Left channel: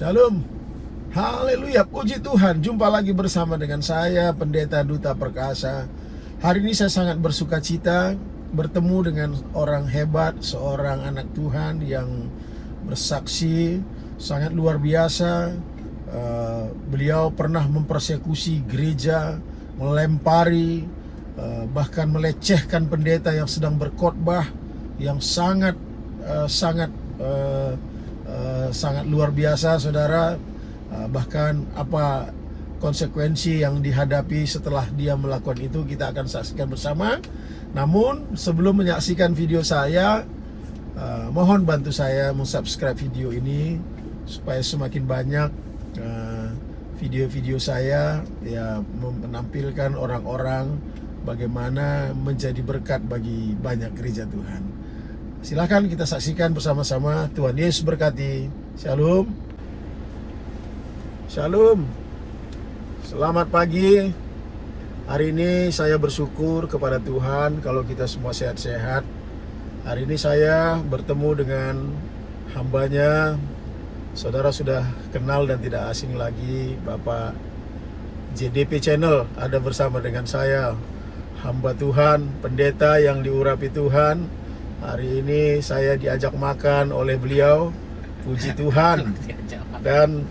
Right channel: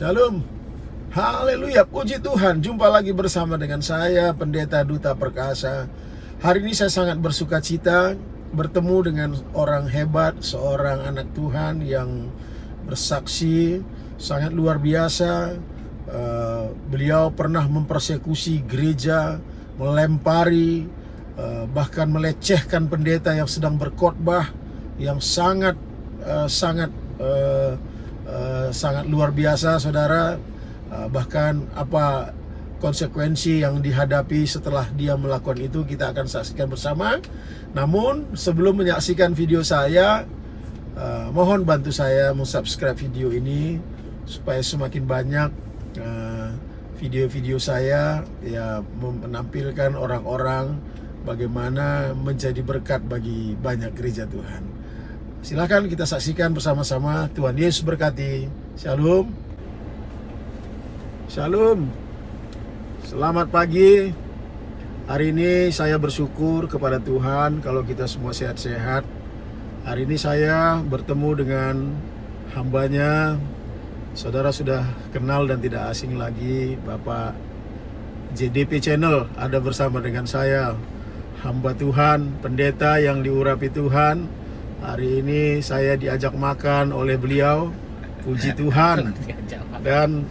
Shalom. Haleluya, puji Tuhan. Jumpa lagi bersama dengan saya, Pendeta Duta Perkasa. Hari ini saya sangat bersuka cita bertemu dengan orang hebat, seorang anak Tuhan yang bersaksi sangat luar biasa. Beliau pernah mempersekusi gereja, melempari, bahkan melecehkan pendeta yang sedang berkhotbah, yang sangat luar biasa, saudara. Bahkan apa konsekuensi yang dihadapi setelah dia melakukan itu kita akan saksikan bersama. Namun sebelum menyaksikan video saya, mohon bantu saya subscribe video ini supaya semakin banyak video-video saya ya menampilkan orang-orang bagaimana menjadi berkat bagi banyak gereja Tuhan. Silakan kita saksikan bersama-sama. Tuhan Yesus berkati. Shalom. Shalom. Selamat pagi. Hari ini saya bersyukur kepada Tuhan kalau kita semua sehat-sehat. Hari ini saya bertemu dengan hambanya. Saudara sudah kenal dan tidak asing lagi, Bapak JDP Channel ada bersama dengan saya, hamba Tuhan, pendeta yang diurapi Tuhan. Hari ini saya diajak makan oleh beliau, puji Tuhan. Dan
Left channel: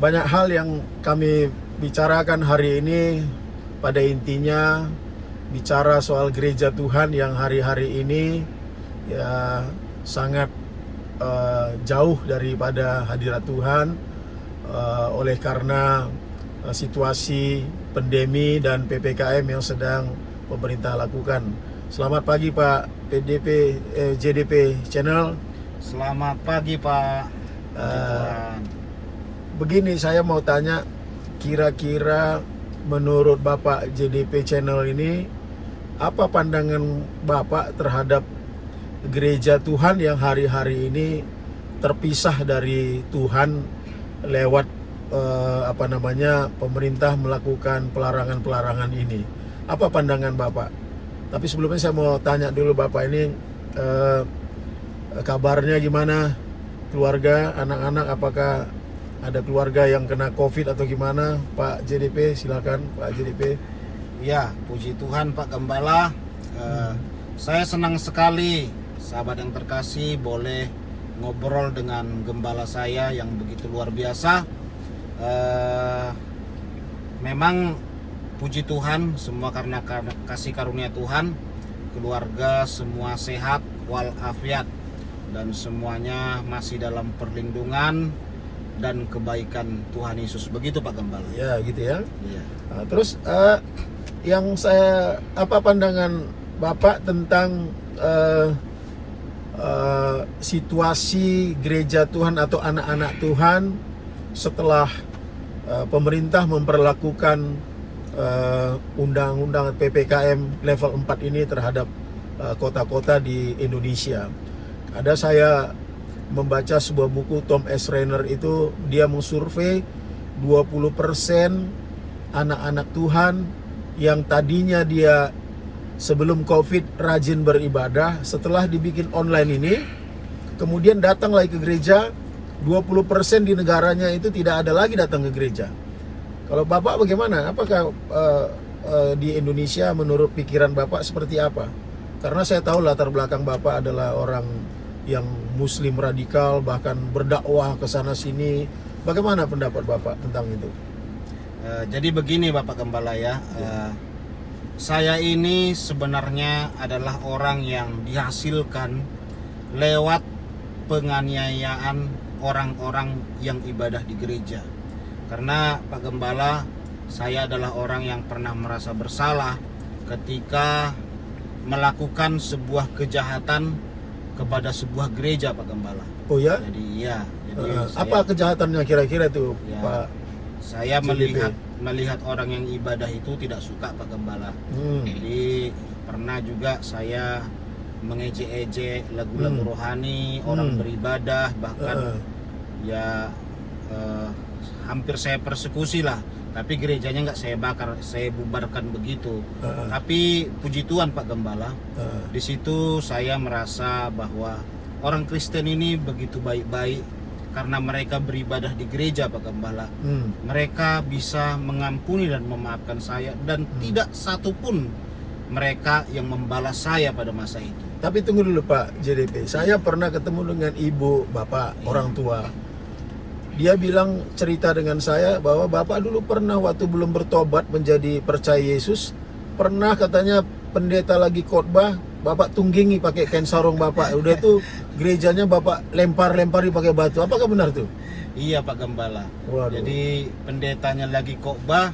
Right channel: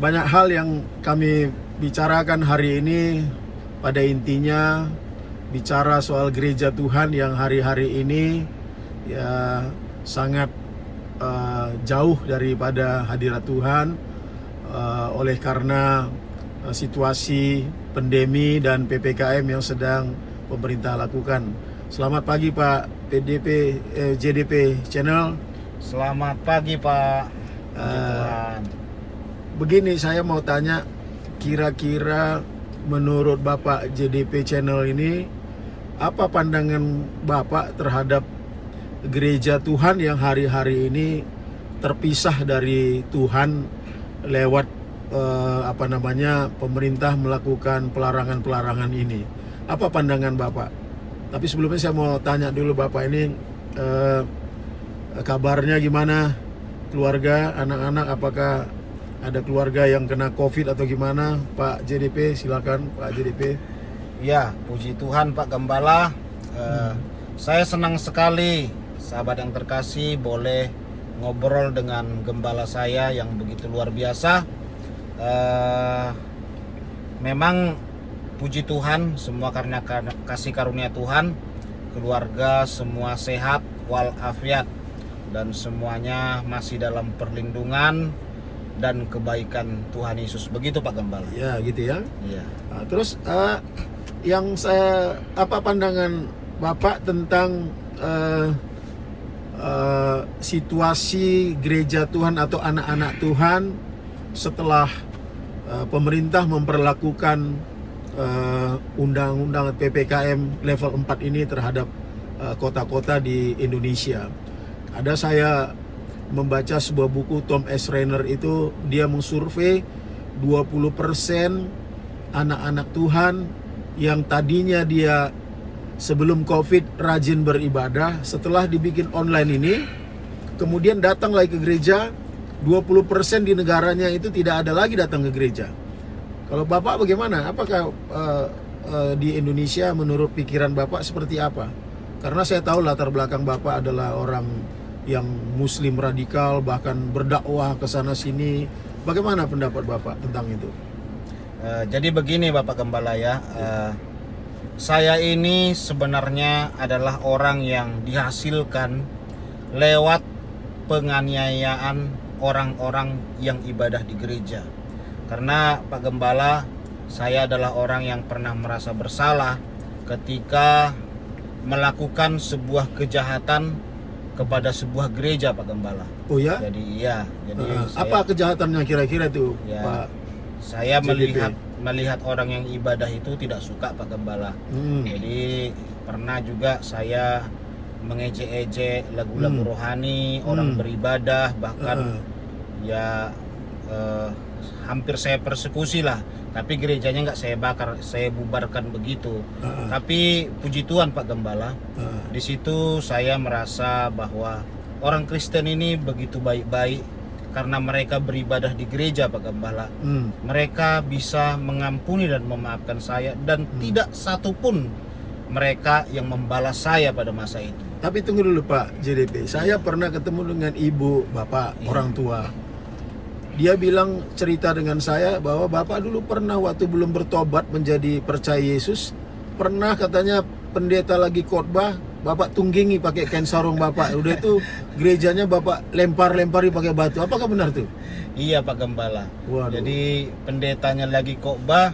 banyak hal yang kami bicarakan hari ini, pada intinya bicara soal gereja Tuhan yang hari-hari ini ya sangat jauh daripada hadirat Tuhan oleh karena situasi pandemi dan PPKM yang sedang pemerintah lakukan. Selamat pagi Pak JDP Channel. Selamat pagi Pak. Begini, saya mau tanya, kira-kira menurut Bapak JDP Channel ini, apa pandangan Bapak terhadap gereja Tuhan yang hari-hari ini terpisah dari Tuhan lewat pemerintah melakukan pelarangan-pelarangan ini? Apa pandangan Bapak? Tapi sebelumnya saya mau tanya dulu Bapak ini, kabarnya gimana? Keluarga, anak-anak, apakah ada keluarga yang kena COVID atau gimana? Pak JDP, silakan Pak JDP. Ya, puji Tuhan Pak Gembala. Saya senang sekali, sahabat yang terkasih, boleh ngobrol dengan gembala saya yang begitu luar biasa. Memang puji Tuhan, semua karena kasih karunia Tuhan. Keluarga semua sehat walafiat dan semuanya masih dalam perlindungan dan kebaikan Tuhan Yesus. Begitu Pak Gembala. Ya, gitu ya. Ya. Nah, terus yang apa pandangan Bapak tentang situasi gereja Tuhan atau anak-anak Tuhan setelah pemerintah memperlakukan undang-undang PPKM level 4 ini terhadap kota-kota di Indonesia. Ada saya membaca sebuah buku Tom S. Rainer, itu dia mengsurvei 20% anak-anak Tuhan yang tadinya dia sebelum COVID rajin beribadah, setelah dibikin online ini kemudian datang lagi ke gereja. 20% di negaranya itu tidak ada lagi datang ke gereja. Kalau Bapak bagaimana? Apakah di Indonesia menurut pikiran Bapak seperti apa? Karena saya tahu latar belakang Bapak adalah orang yang Muslim radikal, bahkan berdakwah ke sana sini. Bagaimana pendapat Bapak tentang itu? Jadi begini Bapak Gembala ya. Saya ini sebenarnya adalah orang yang dihasilkan lewat penganiayaan orang-orang yang ibadah di gereja. Karena Pak Gembala, saya adalah orang yang pernah merasa bersalah ketika melakukan sebuah kejahatan kepada sebuah gereja Pak Gembala. Oh ya? Jadi apa kejahatannya kira-kira itu ya, Pak? Saya JDP? melihat orang yang ibadah itu tidak suka Pak Gembala. Jadi pernah juga saya mengejek-ejek lagu-lagu rohani, orang beribadah, bahkan hampir saya persekusi lah. Tapi gerejanya nggak saya bakar, saya bubarkan begitu. Tapi puji Tuhan Pak Gembala, di situ saya merasa bahwa orang Kristen ini begitu baik-baik, karena mereka beribadah di gereja, Pak Gembala, mereka bisa mengampuni dan memaafkan saya, dan tidak satupun mereka yang membalas saya pada masa itu. Tapi tunggu dulu Pak JDP, saya pernah ketemu dengan ibu bapak orang tua. Dia bilang, cerita dengan saya bahwa bapak dulu pernah waktu belum bertobat menjadi percaya Yesus, pernah katanya pendeta lagi khotbah, bapak tunggingi pakai kain sarung bapak. Udah itu gerejanya bapak lempari pakai batu. Apakah benar tuh? Iya Pak Gembala. Waduh. Jadi pendetanya lagi khotbah,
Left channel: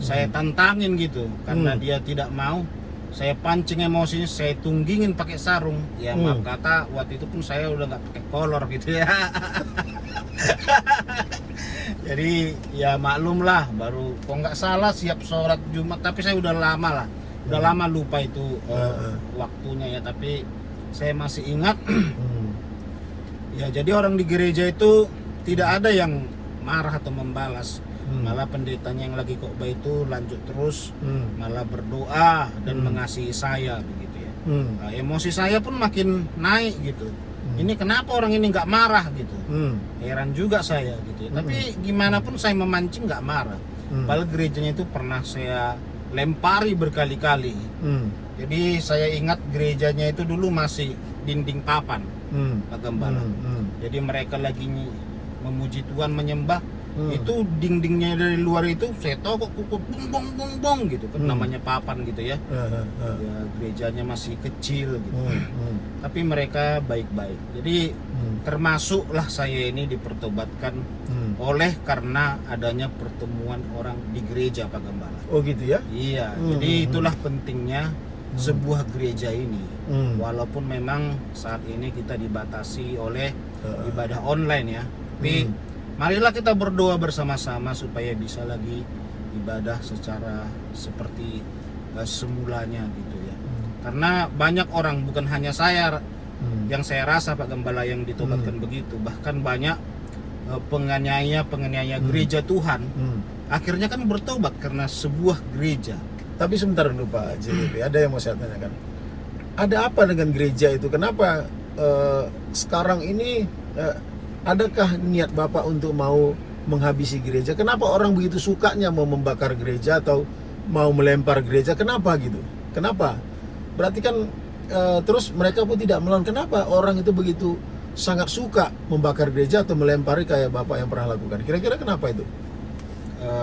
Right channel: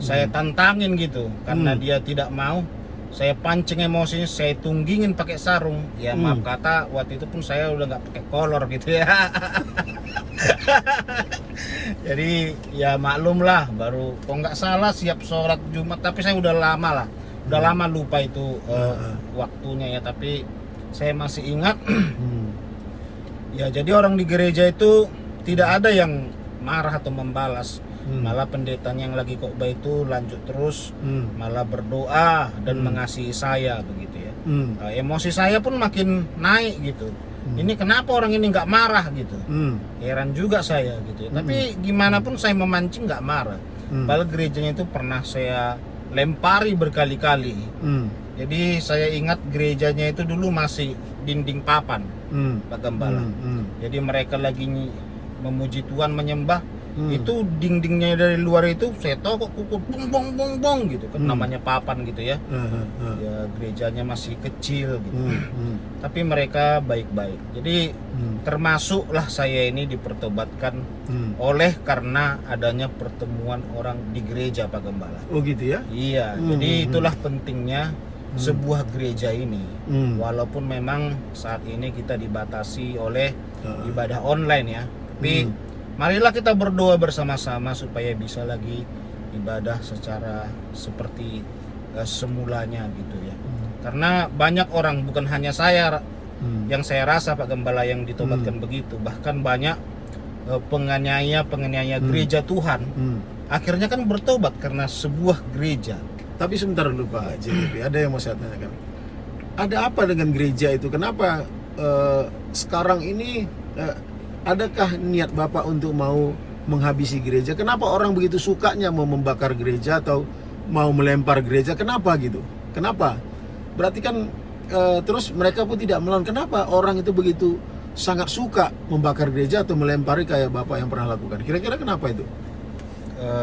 saya tantangin gitu, karena dia tidak mau. Saya pancing emosinya, saya tunggingin pakai sarung. Ya maaf kata, waktu itu pun saya udah nggak pakai kolor gitu ya. Jadi ya maklum lah, baru kok nggak salah siap sholat Jumat, tapi saya udah lama lah, udah lama lupa itu waktunya ya, tapi saya masih ingat. Ya jadi orang di gereja itu tidak ada yang marah atau membalas, malah pendetanya yang lagi khotbah itu lanjut terus, malah berdoa dan mengasihi saya begitu ya. Nah, emosi saya pun makin naik gitu. Ini kenapa orang ini nggak marah gitu? Heran juga saya gitu ya. Tapi gimana pun saya memancing nggak marah. Padahal gerejanya itu pernah saya lempari berkali-kali. Jadi saya ingat gerejanya itu dulu masih dinding papan, Pak Gembala. Jadi mereka lagi memuji Tuhan, menyembah, itu dindingnya dari luar itu saya tahu kok bong bong gitu kan, namanya papan gitu ya. Ya gerejanya masih kecil gitu. Tapi mereka baik-baik. Jadi termasuklah saya ini dipertobatkan oleh karena adanya pertemuan orang di gereja, Pak Gembala. Oh gitu ya? Iya. Jadi itulah pentingnya sebuah gereja ini. Walaupun memang saat ini kita dibatasi oleh ibadah online ya, tapi marilah kita berdoa bersama-sama supaya bisa lagi ibadah secara seperti semulanya gitu ya. Karena banyak orang, bukan hanya saya yang saya rasa Pak Gembala yang ditobatkan begitu, bahkan banyak penganiaya gereja Tuhan akhirnya kan bertobat karena sebuah gereja. Tapi sebentar dulu Pak JDP, ada yang mau saya tanyakan. Ada apa dengan gereja itu? Kenapa sekarang ini adakah niat Bapak untuk mau menghabisi gereja? Kenapa orang begitu sukanya mau membakar gereja atau mau melempar gereja? Kenapa gitu? Kenapa? Berarti kan terus mereka pun tidak melawan. Kenapa orang itu begitu sangat suka membakar gereja atau melempari kayak Bapak yang pernah lakukan? Kira-kira kenapa itu?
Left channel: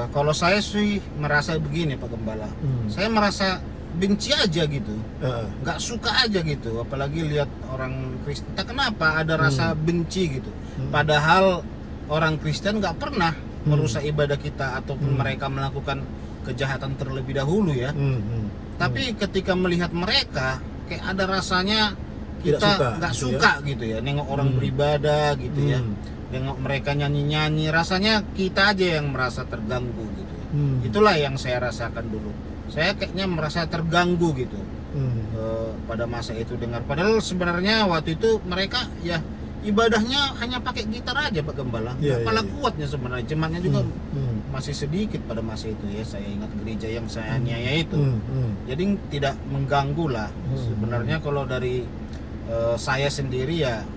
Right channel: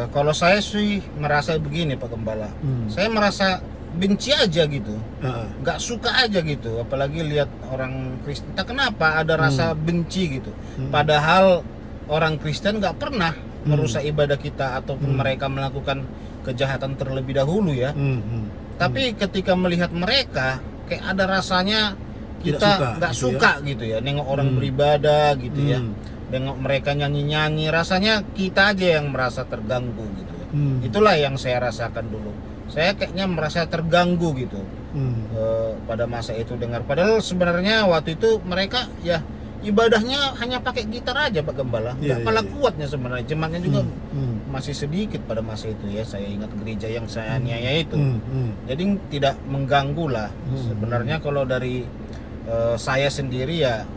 Kalau saya sih merasa begini Pak Gembala, saya merasa benci aja gitu, nggak suka aja gitu, apalagi lihat orang Kristen. Tak kenapa ada rasa benci gitu, padahal orang Kristen nggak pernah merusak ibadah kita ataupun mereka melakukan kejahatan terlebih dahulu ya. Tapi ketika melihat mereka, kayak ada rasanya kita nggak suka gitu ya, nengok orang beribadah gitu ya. Tengok mereka nyanyi-nyanyi, rasanya kita aja yang merasa terganggu gitu. Itulah yang saya rasakan dulu. Saya kayaknya merasa terganggu gitu pada masa itu dengar. Padahal sebenarnya waktu itu mereka ya ibadahnya hanya pakai gitar aja Pak Gembala. Nggak kalah kuatnya sebenarnya. Jemaatnya juga masih sedikit pada masa itu ya. Saya ingat gereja yang saya aniaya itu. Jadi tidak mengganggu lah. Sebenarnya kalau dari saya sendiri ya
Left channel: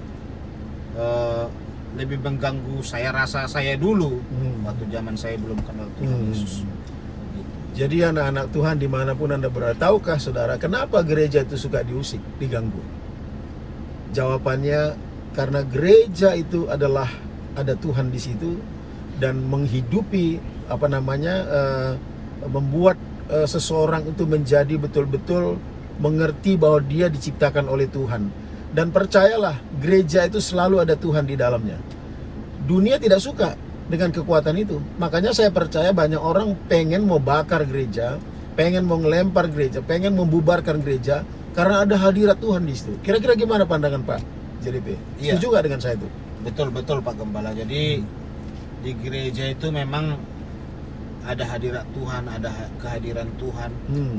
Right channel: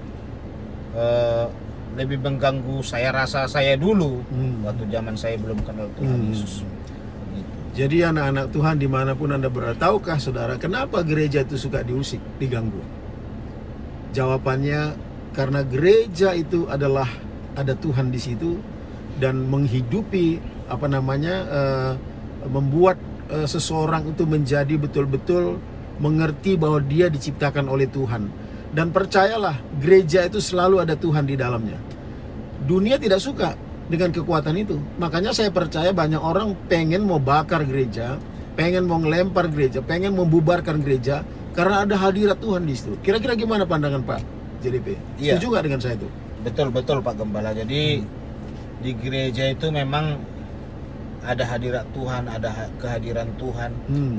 lebih mengganggu saya rasa saya dulu waktu zaman saya belum kenal Tuhan Yesus. Jadi anak-anak Tuhan dimanapun Anda berada, tahukah saudara kenapa gereja itu suka diusik, diganggu? Jawabannya karena gereja itu adalah ada Tuhan di situ dan menghidupi membuat seseorang itu menjadi betul-betul mengerti bahwa dia diciptakan oleh Tuhan. Dan percayalah, gereja itu selalu ada Tuhan di dalamnya. Dunia tidak suka dengan kekuatan itu. Makanya saya percaya banyak orang pengen mau bakar gereja, pengen mau ngelempar gereja, pengen membubarkan gereja karena ada hadirat Tuhan di situ. Kira-kira gimana pandangan Pak JDP? Iya. Setuju nggak dengan saya itu? Betul Pak Gembala. Jadi di gereja itu memang ada hadirat Tuhan, ada kehadiran Tuhan.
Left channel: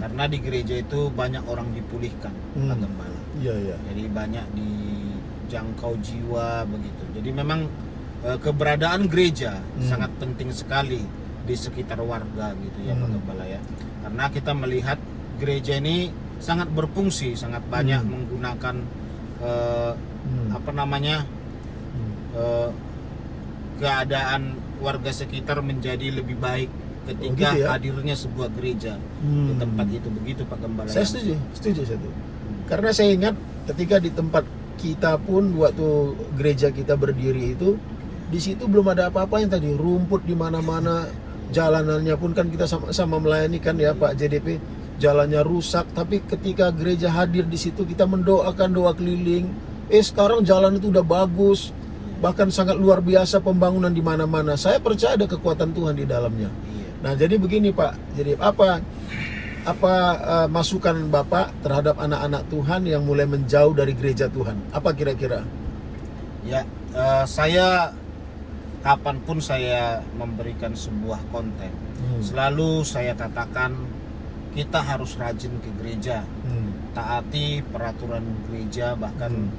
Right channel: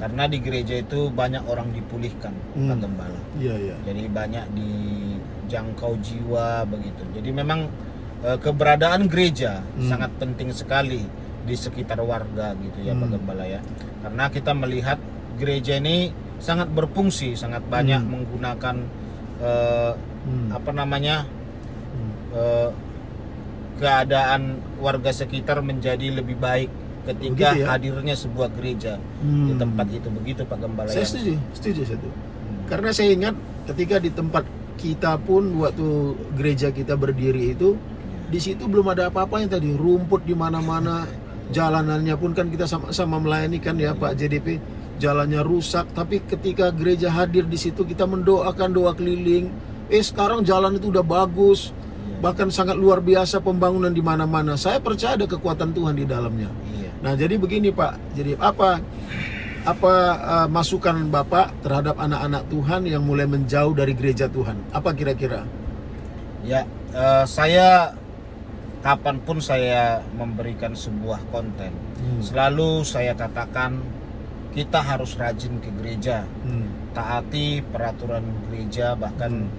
Karena di gereja itu banyak orang dipulihkan, Pak Gembala. Iya. Jadi banyak dijangkau jiwa begitu. Jadi memang keberadaan gereja sangat penting sekali di sekitar warga gitu ya Pak Gembala ya. Karena kita melihat gereja ini sangat berfungsi, sangat banyak menggunakan keadaan warga sekitar menjadi lebih baik ketika gitu ya? hadirnya sebuah gereja di tempat itu. Begitu Pak Gembala. Saya setuju saya tuh. Karena saya ingat ketika di tempat kita pun waktu gereja kita berdiri itu, di situ belum ada apa-apa yang tadi, rumput di mana-mana, jalanannya pun kan kita sama-sama melayani kan ya Pak JDP, jalannya rusak, tapi ketika gereja hadir di situ kita mendoakan doa keliling. Sekarang jalan itu udah bagus, bahkan sangat luar biasa pembangunan di mana-mana. Saya percaya ada kekuatan Tuhan di dalamnya. Nah, jadi begini Pak, jadi apa masukan Bapak terhadap anak-anak Tuhan yang mulai menjauh dari gereja Tuhan? Apa kira-kira? Ya, saya kapanpun saya memberikan sebuah konten, selalu saya katakan kita harus rajin ke gereja, taati peraturan gereja, bahkan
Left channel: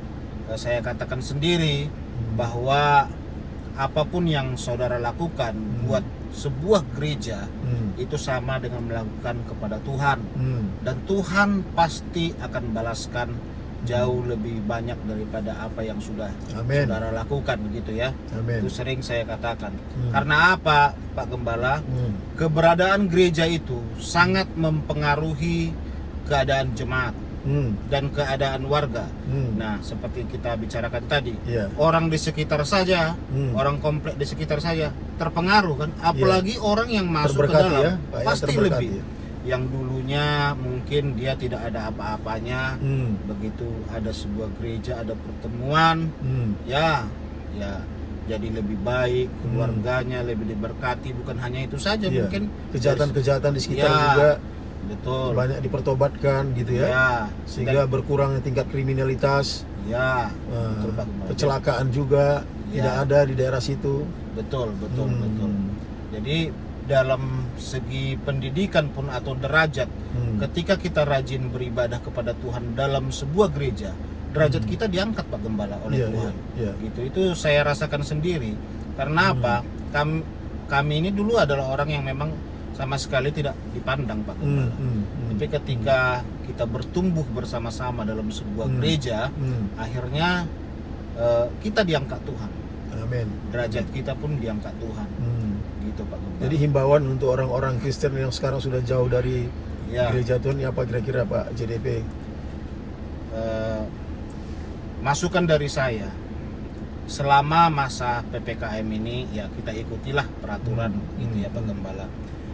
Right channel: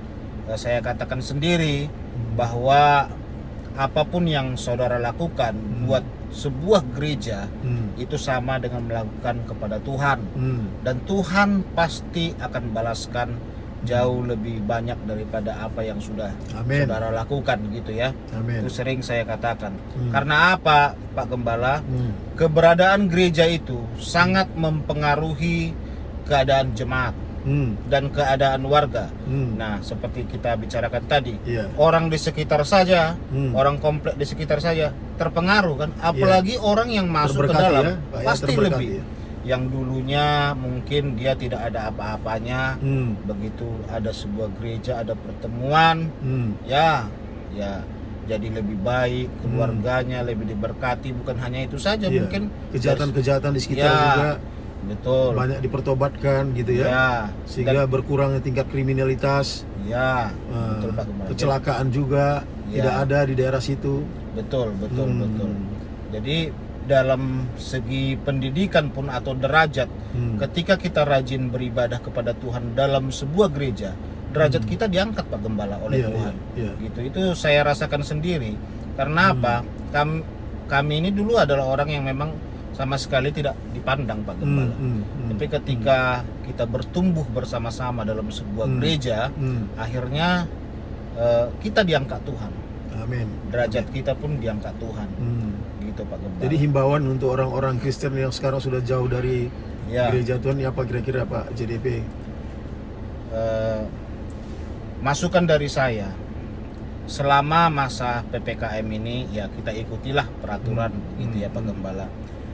saya katakan sendiri bahwa apapun yang saudara lakukan buat sebuah gereja itu sama dengan melakukan kepada Tuhan, dan Tuhan pasti akan balaskan jauh lebih banyak daripada apa yang sudah saudara lakukan gitu ya. Itu sering saya katakan. Karena apa Pak Gembala? Keberadaan gereja itu sangat mempengaruhi keadaan jemaat dan keadaan warga. Nah, seperti kita bicarakan tadi, orang di sekitar saja, orang komplek di sekitar saja terpengaruh kan, apalagi orang yang masuk ke dalam pasti lebih. Yang dulunya mungkin dia tidak ada apa-apanya, begitu ada sebuah gereja, ada pertemuan, ya jadi lebih baik, keluarganya lebih diberkati. Bukan hanya itu saja, mungkin kejahatan-kejahatan di sekitar juga betul banyak dipertobatkan gitu ya, sehingga berkurangnya tingkat kriminalitas, betul, Pak, kecelakaan juga tidak ada di daerah situ. Betul. Jadi dalam segi pendidikan pun atau derajat, ketika kita rajin beribadah kepada Tuhan dalam sebuah gereja, derajat kita diangkat Pak Gembala oleh Tuhan. Gitu, itu saya rasakan sendiri. Karena apa? Kami ini dulu adalah orang yang memang sama sekali tidak dipandang Pak Gembala. Tapi ketika kita bertumbuh bersama-sama dalam sebuah gereja, akhirnya kita diangkat Tuhan. Amin. Derajat kita pun diangkat Tuhan. Gitu Pak Gembala. Jadi himbauan untuk orang-orang Kristen yang sekarang sudah jauh dari gereja Tuhan, apa kira-kira Pak JDP? Masukan dari saya, selama masa PPKM ini ya kita ikutilah peraturan gitu ya Pak Gembala.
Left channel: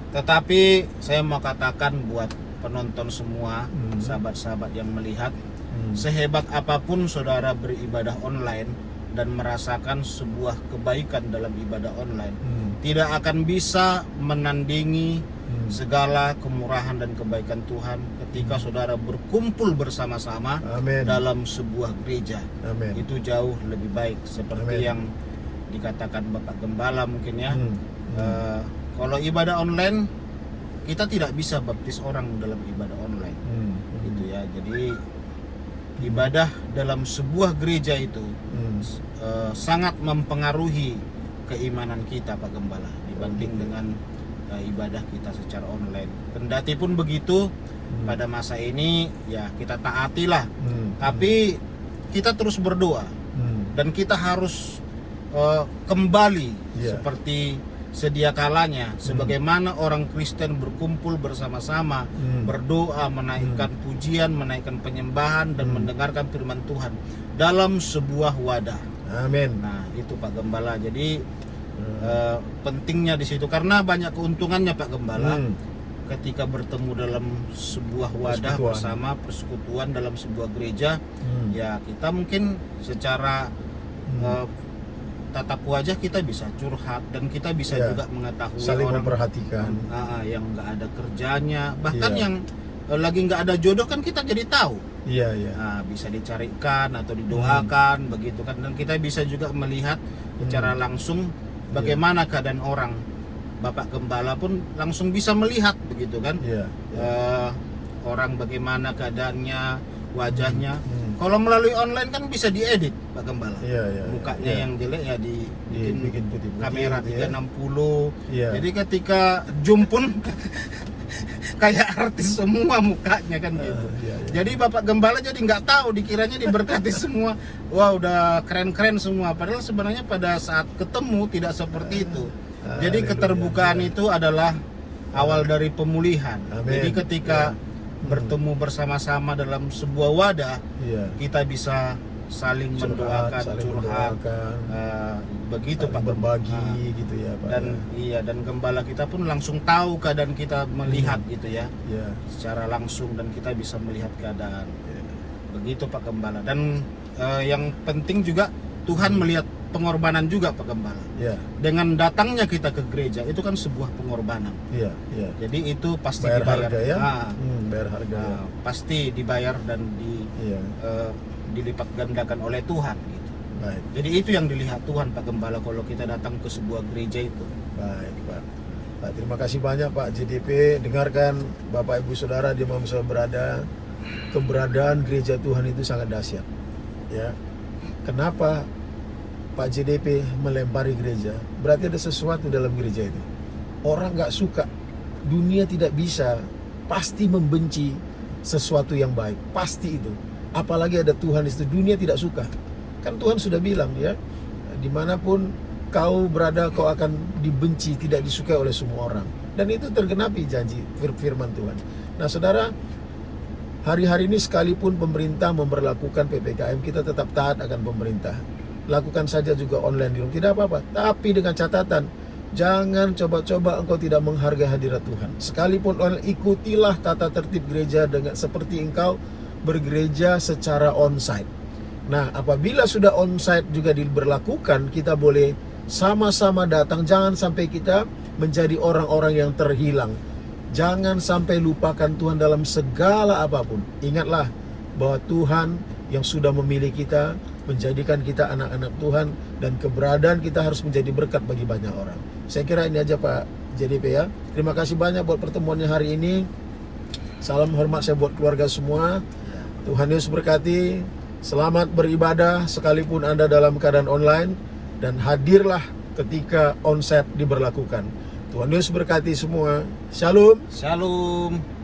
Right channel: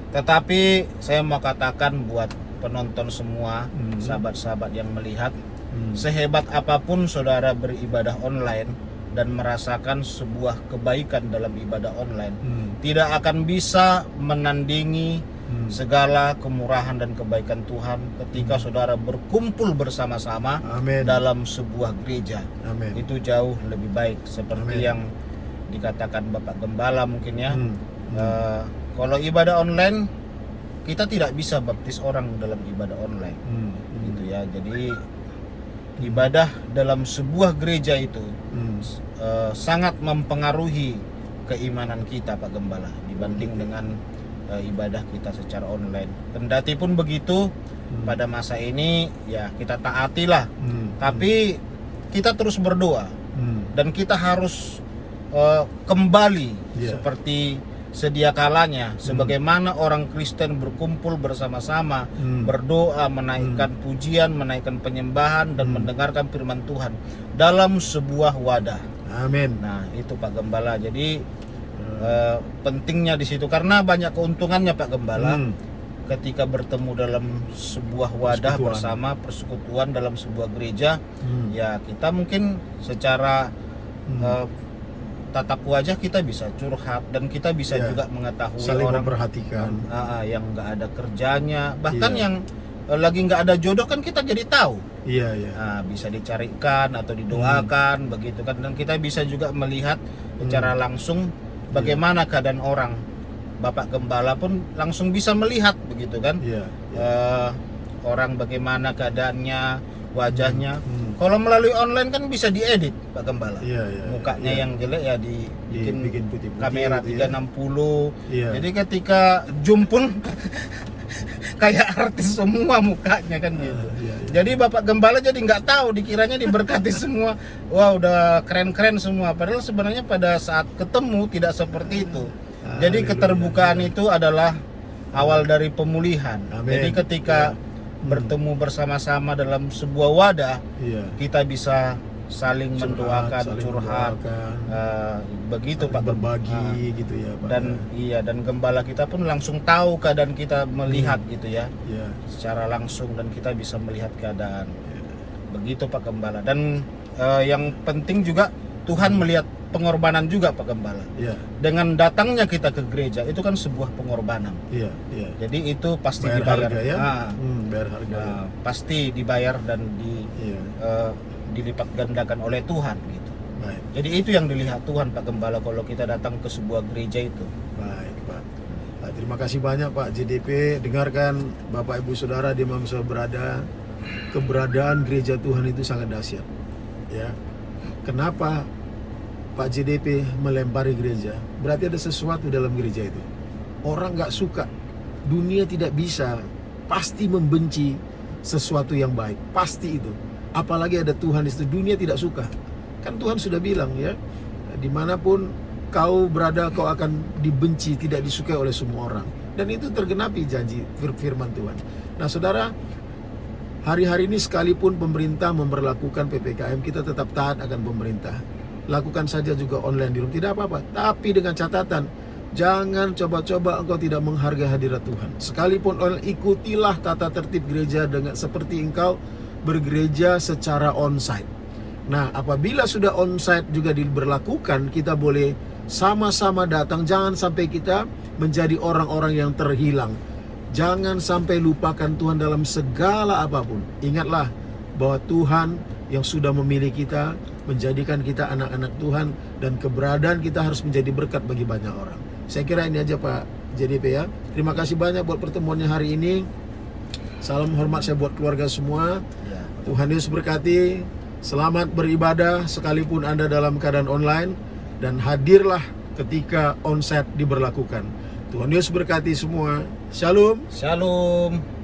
Tetapi saya mau katakan buat penonton semua, sahabat-sahabat yang melihat, sehebat apapun saudara beribadah online dan merasakan sebuah kebaikan dalam ibadah online, tidak akan bisa menandingi segala kemurahan dan kebaikan Tuhan ketika saudara berkumpul bersama-sama dalam sebuah gereja. Itu jauh lebih baik, seperti yang dikatakan Bapak Gembala mungkin ya. Kalau ibadah online, kita tidak bisa baptis orang dalam ibadah online, gitu ya. Jadi ibadah dalam sebuah gereja itu sangat mempengaruhi keimanan kita Pak Gembala dibanding dengan ibadah kita secara online. Kendati pun begitu, pada masa ini ya kita taatilah, tapi kita terus berdoa dan kita harus kembali seperti sedia kalanya, sebagaimana orang Kristen berkumpul bersama-sama, berdoa, menaikkan pujian, menaikkan penyembahan, dan mendengarkan firman Tuhan dalam sebuah wadah. Amin. Nah, itu Pak Gembala. Jadi pentingnya di situ, karena banyak keuntungannya Pak Gembala. Ketika bertemu dalam sebuah wadah bersama, persekutuan dalam sebuah gereja, ya kita mungkin secara tatap wajah kita bisa curhat, dan kita bisa juga mengetahui saling orang memperhatikan yang nggak ada kerjanya, bahkan yang lagi nggak ada jodoh kan kita jadi tahu. Nah, bisa dicarikan atau didoakan begitu kan, dan kita bisa juga melihat secara langsung bagaimana keadaan orang. Bapak Gembala pun langsung bisa melihat begitu kan, orang bagaimana keadaannya, wajahnya. Kalau melalui online kan bisa diedit Pak Gembala. Mukanya yang jelek ya dibikin putih-putih kamera gitu 360. Jadi ketika Zoom pun kayak artis semua mukanya kan gitu. Iya, iya. Jadi Bapak Gembala jadi nggak tahu, dikiranya diberkati semua. Wah, udah keren-keren semua. Padahal sebenarnya pada saat ketemu tidak seperti itu. Jadi Haleluya, keterbukaan iya. itu adalah awal dari pemulihan. Amin. Jadi ketika Ya. bertemu bersama-sama dalam sebuah wadah, Iya. kita bisa saling mendoakan, saling curhat, mendoakan, begitu saling Pak. berbagi gitu ya Pak. Dan iya, dan gembala kita pun langsung tahu keadaan kita, melihat gitu ya, Iya. secara langsung, dan kita bisa melihat keadaan. Iya. Begitu Pak Gembala. Dan yang penting juga Tuhan melihat pengorbanan juga Pak Gembala. Iya. Dengan datangnya kita ke gereja itu kan sebuah pengorbanan. Iya. Iya. Jadi itu pasti Bayar dibayar. harga ya. Nah, Bayar harga ya. pasti dibayar dan Iya. dilipat gandakan oleh Tuhan gitu. Baik. Jadi itu yang dilihat Tuhan Pak Gembala kalau kita datang ke sebuah gereja itu. Baik Pak. Pak, terima kasih banyak Pak JDP. Dengarkan Bapak Ibu Saudara di mana saya berada, keberadaan gereja Tuhan itu sangat dahsyat. Ya. Kenapa Pak JDP melempari gereja? Berarti ada sesuatu dalam gereja itu. Orang nggak suka, dunia tidak bisa, pasti membenci sesuatu yang baik, pasti itu. Apalagi ada Tuhan di situ, dunia tidak suka. Kan Tuhan sudah bilang ya, dimanapun kau berada kau akan dibenci, tidak disukai oleh semua orang. Dan itu tergenapi janji firman Tuhan. Nah saudara, hari-hari ini sekalipun pemerintah memberlakukan PPKM, kita tetap taat akan pemerintah. Lakukan saja juga online di rumah, tidak apa-apa. Tapi dengan catatan, jangan coba-coba engkau tidak menghargai hadirat Tuhan. Sekalipun online, ikutilah tata tertib gereja dengan seperti engkau bergereja secara onsite. Nah, apabila sudah onsite juga diberlakukan, kita boleh sama-sama datang. Jangan sampai kita menjadi orang-orang yang terhilang. Jangan sampai lupakan Tuhan dalam segala apapun. Ingatlah bahwa Tuhan yang sudah memilih kita, menjadikan kita anak-anak Tuhan, dan keberadaan kita harus menjadi berkat bagi banyak orang. Saya kira ini aja Pak JDP ya. Terima kasih banyak buat pertemuannya hari ini. Salam hormat saya buat keluarga semua. Tuhan Yesus berkati. Selamat beribadah sekalipun Anda dalam keadaan online, dan hadirlah ketika onsite diberlakukan. Tuhan Yesus berkati semua. Shalom. Shalom.